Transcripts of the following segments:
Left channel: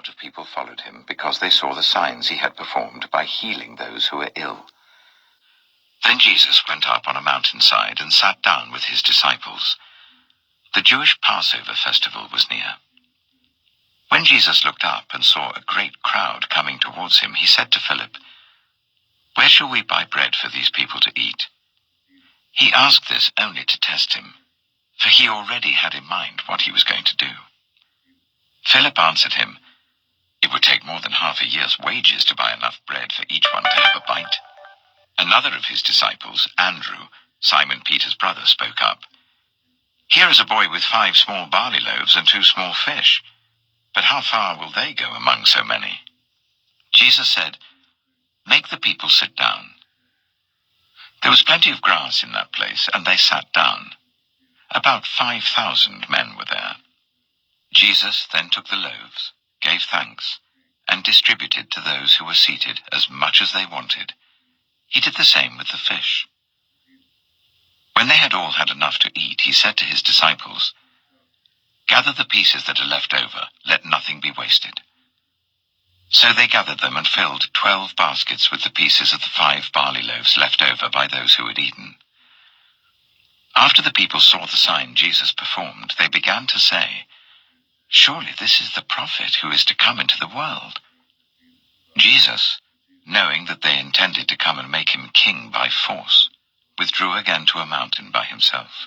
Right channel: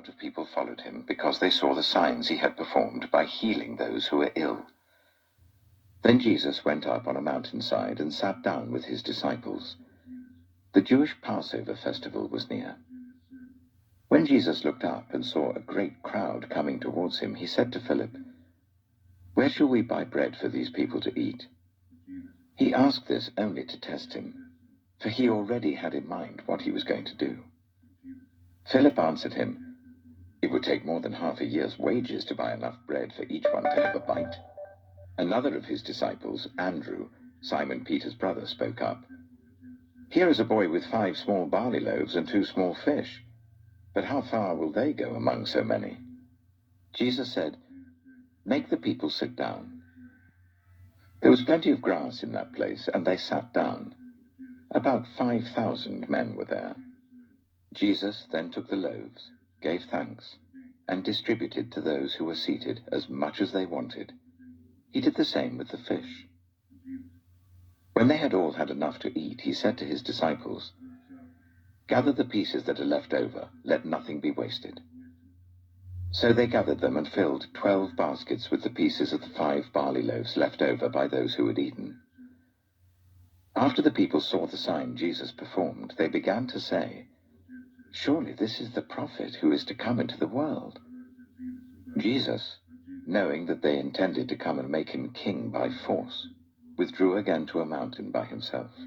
crowd of people followed him because they saw the signs he had performed by healing those who were ill. Then Jesus went up on a mountainside and sat down with his disciples. The Jewish Passover festival was near. When Jesus looked up and saw a great crowd coming towards him, he said to Philip, "Where shall we buy bread for these people to eat?" He asked this only to test him, for he already had in mind what he was going to do. Philip answered him, "It would take more than half a year's wages to buy enough bread for each one to have a bite." Another of his disciples, Andrew, Simon Peter's brother, spoke up. "Here is a boy with 5 small barley loaves and 2 small fish. But how far will they go among so many?" Jesus said, "Make the people sit down." There was plenty of grass in that place, and they sat down. About 5,000 men were there. Jesus then took the loaves, gave thanks, and distributed to those who were seated as much as they wanted. He did the same with the fish. When they had all had enough to eat, he said to his disciples, "Gather the pieces that are left over, let nothing be wasted." So they gathered them and filled 12 baskets with the pieces of the 5 barley loaves left over by those who had eaten. After the people saw the sign Jesus performed, they began to say, "Surely this is the prophet who is to come into the world." Jesus, knowing that they intended to come and make him king by force, withdrew again to a mountain by himself.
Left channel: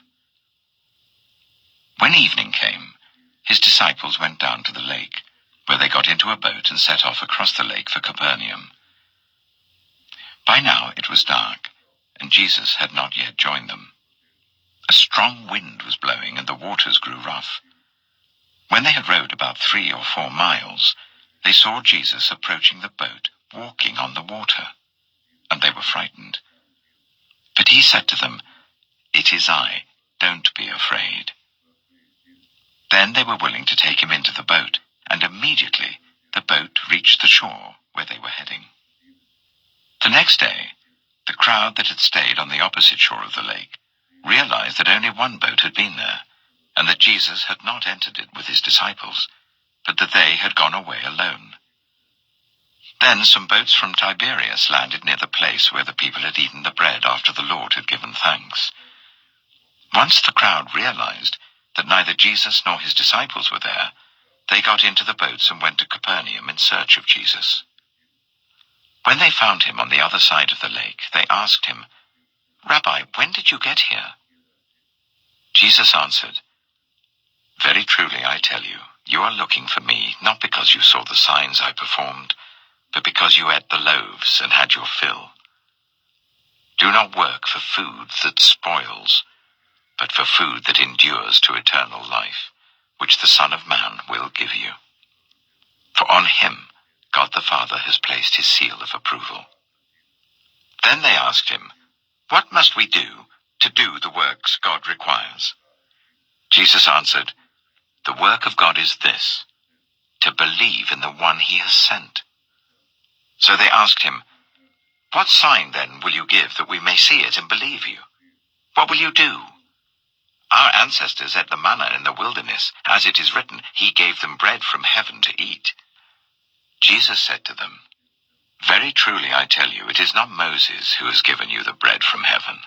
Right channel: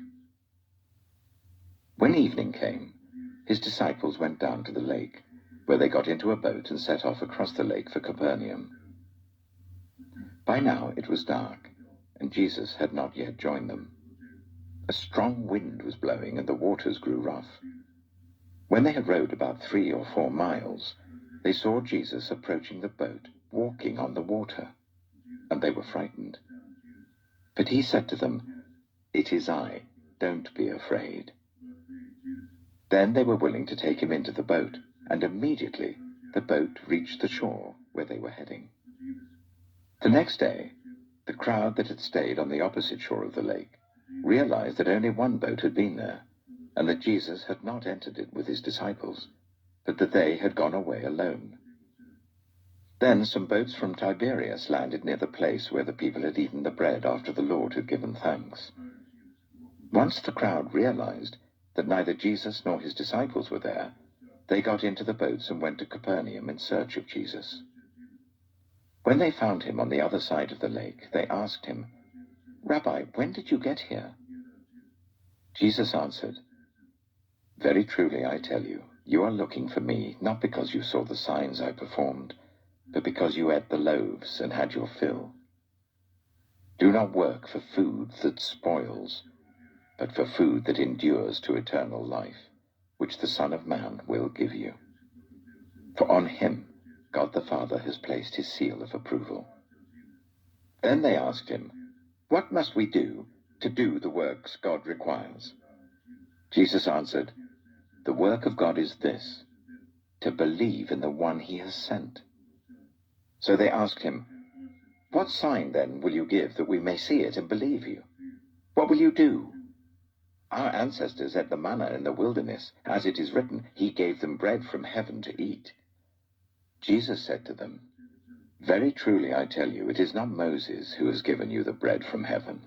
When evening came, his disciples went down to the lake, where they got into a boat and set off across the lake for Capernaum. By now it was dark, and Jesus had not yet joined them. A strong wind was blowing, and the waters grew rough. When they had rowed about 3 or 4 miles, they saw Jesus approaching the boat, walking on the water, and they were frightened. But he said to them, "It is I, don't be afraid." Then they were willing to take him into the boat, and immediately the boat reached the shore where they were heading. The next day, the crowd that had stayed on the opposite shore of the lake realized that only one boat had been there, and that Jesus had not entered it with his disciples, but that they had gone away alone. Then some boats from Tiberias landed near the place where the people had eaten the bread after the Lord had given thanks. Once the crowd realized that neither Jesus nor his disciples were there, they got into the boats and went to Capernaum in search of Jesus. When they found him on the other side of the lake, they asked him, "Rabbi, when did you get here?" Jesus answered, "Very truly I tell you, you are looking for me, not because you saw the signs I performed, but because you ate the loaves and had your fill. Do not work for food that spoils, but for food that endures to eternal life, which the Son of Man will give you. For on him God the Father has placed his seal of approval." Then they asked him, "What must we do to do the works God requires?" Jesus answered, "The work of God is this, to believe in the one he has sent." So they asked him, "What sign then will you give that we may see it and believe you? What will you do? Our ancestors ate the manna in the wilderness. As it is written, he gave them bread from heaven to eat." Jesus said to them, "Very truly I tell you, it is not Moses who has given you the bread from heaven,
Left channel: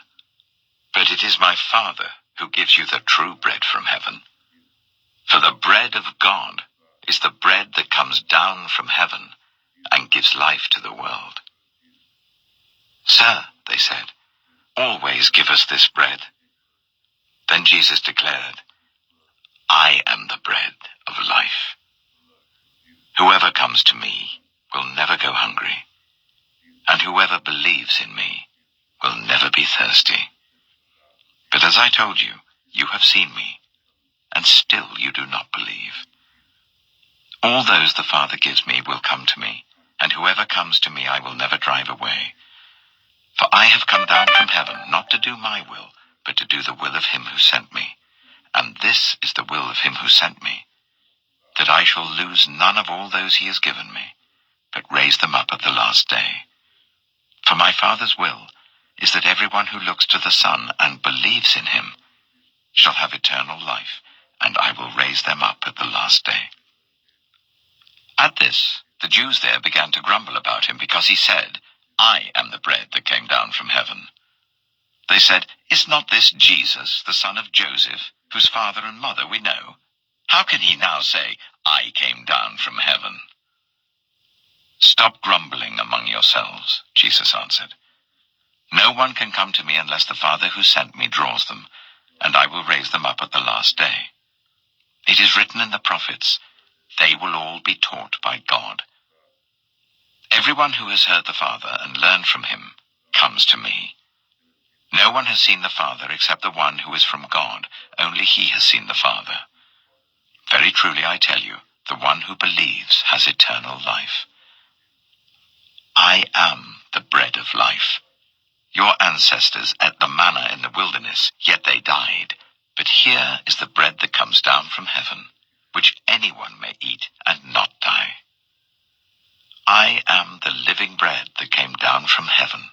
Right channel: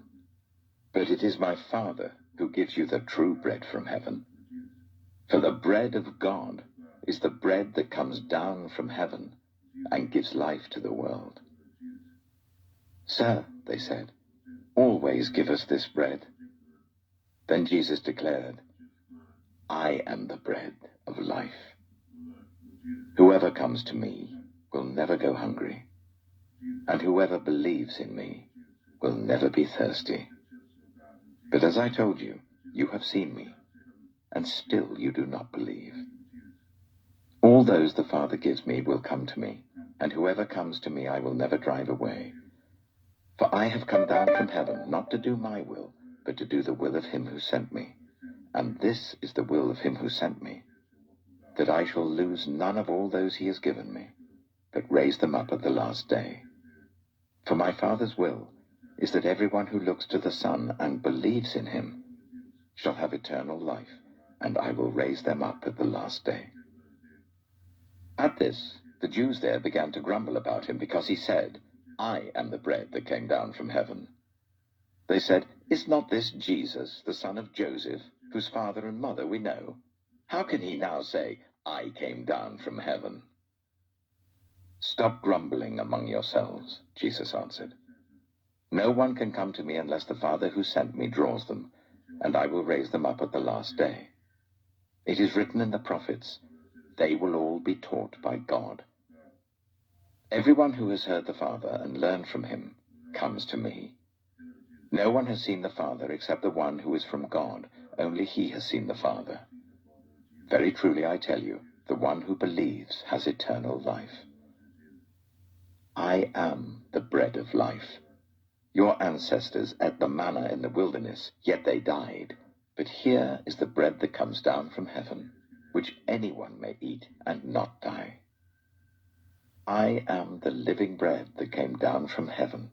but it is my Father who gives you the true bread from heaven. For the bread of God is the bread that comes down from heaven and gives life to the world." "Sir," they said, "always give us this bread." Then Jesus declared, "I am the bread of life. Whoever comes to me will never go hungry, and whoever believes in me will never be thirsty. But as I told you, you have seen me, and still you do not believe. All those the Father gives me will come to me, and whoever comes to me I will never drive away. For I have come down from heaven not to do my will, but to do the will of him who sent me. And this is the will of him who sent me, that I shall lose none of all those he has given me, but raise them up at the last day. For my Father's will is that everyone who looks to the Son and believes in him shall have eternal life, and I will raise them up at the last day. At this, the Jews there began to grumble about him because he said, "I am the bread that came down from heaven." They said, "Is not this Jesus, the son of Joseph, whose father and mother we know? How can he now say, 'I came down from heaven'?" "Stop grumbling among yourselves," Jesus answered. "No one can come to me unless the Father who sent me draws them, and I will raise them up at the last day. It is written in the prophets, 'They will all be taught by God.' Everyone who has heard the Father and learned from him comes to me. No one has seen the Father except the one who is from God. Only he has seen the Father. Very truly I tell you, the one who believes has eternal life. I am the bread of life. Your ancestors ate the manna in the wilderness, yet they died. But here is the bread that comes down from heaven, which anyone may eat and not die. I am the living bread that came down from heaven.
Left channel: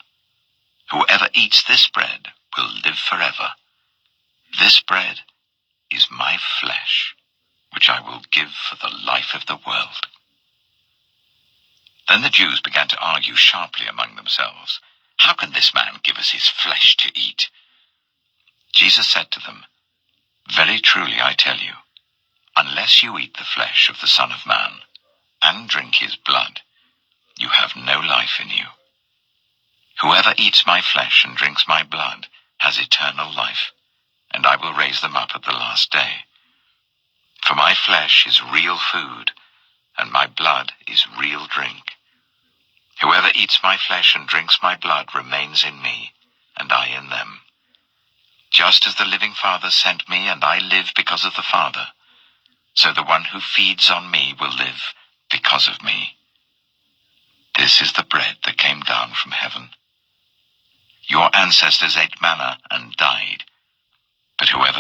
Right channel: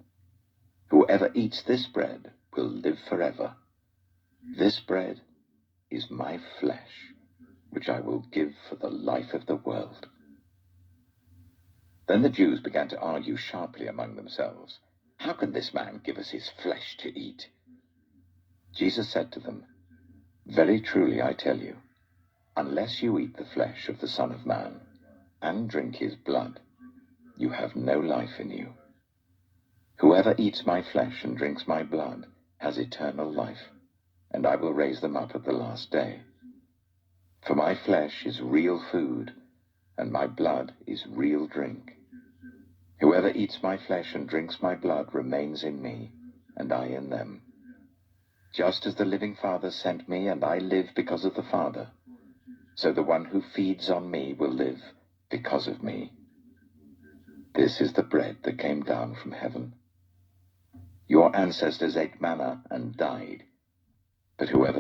Whoever eats this bread will live forever. This bread is my flesh, which I will give for the life of the world." Then the Jews began to argue sharply among themselves, "How can this man give us his flesh to eat?" Jesus said to them, "Very truly I tell you, unless you eat the flesh of the Son of Man and drink his blood, you have no life in you. Whoever eats my flesh and drinks my blood has eternal life, and I will raise them up at the last day. For my flesh is real food, and my blood is real drink. Whoever eats my flesh and drinks my blood remains in me, and I in them. Just as the living Father sent me, and I live because of the Father, so the one who feeds on me will live because of me. This is the bread that came down from heaven. Your ancestors ate manna and died, but whoever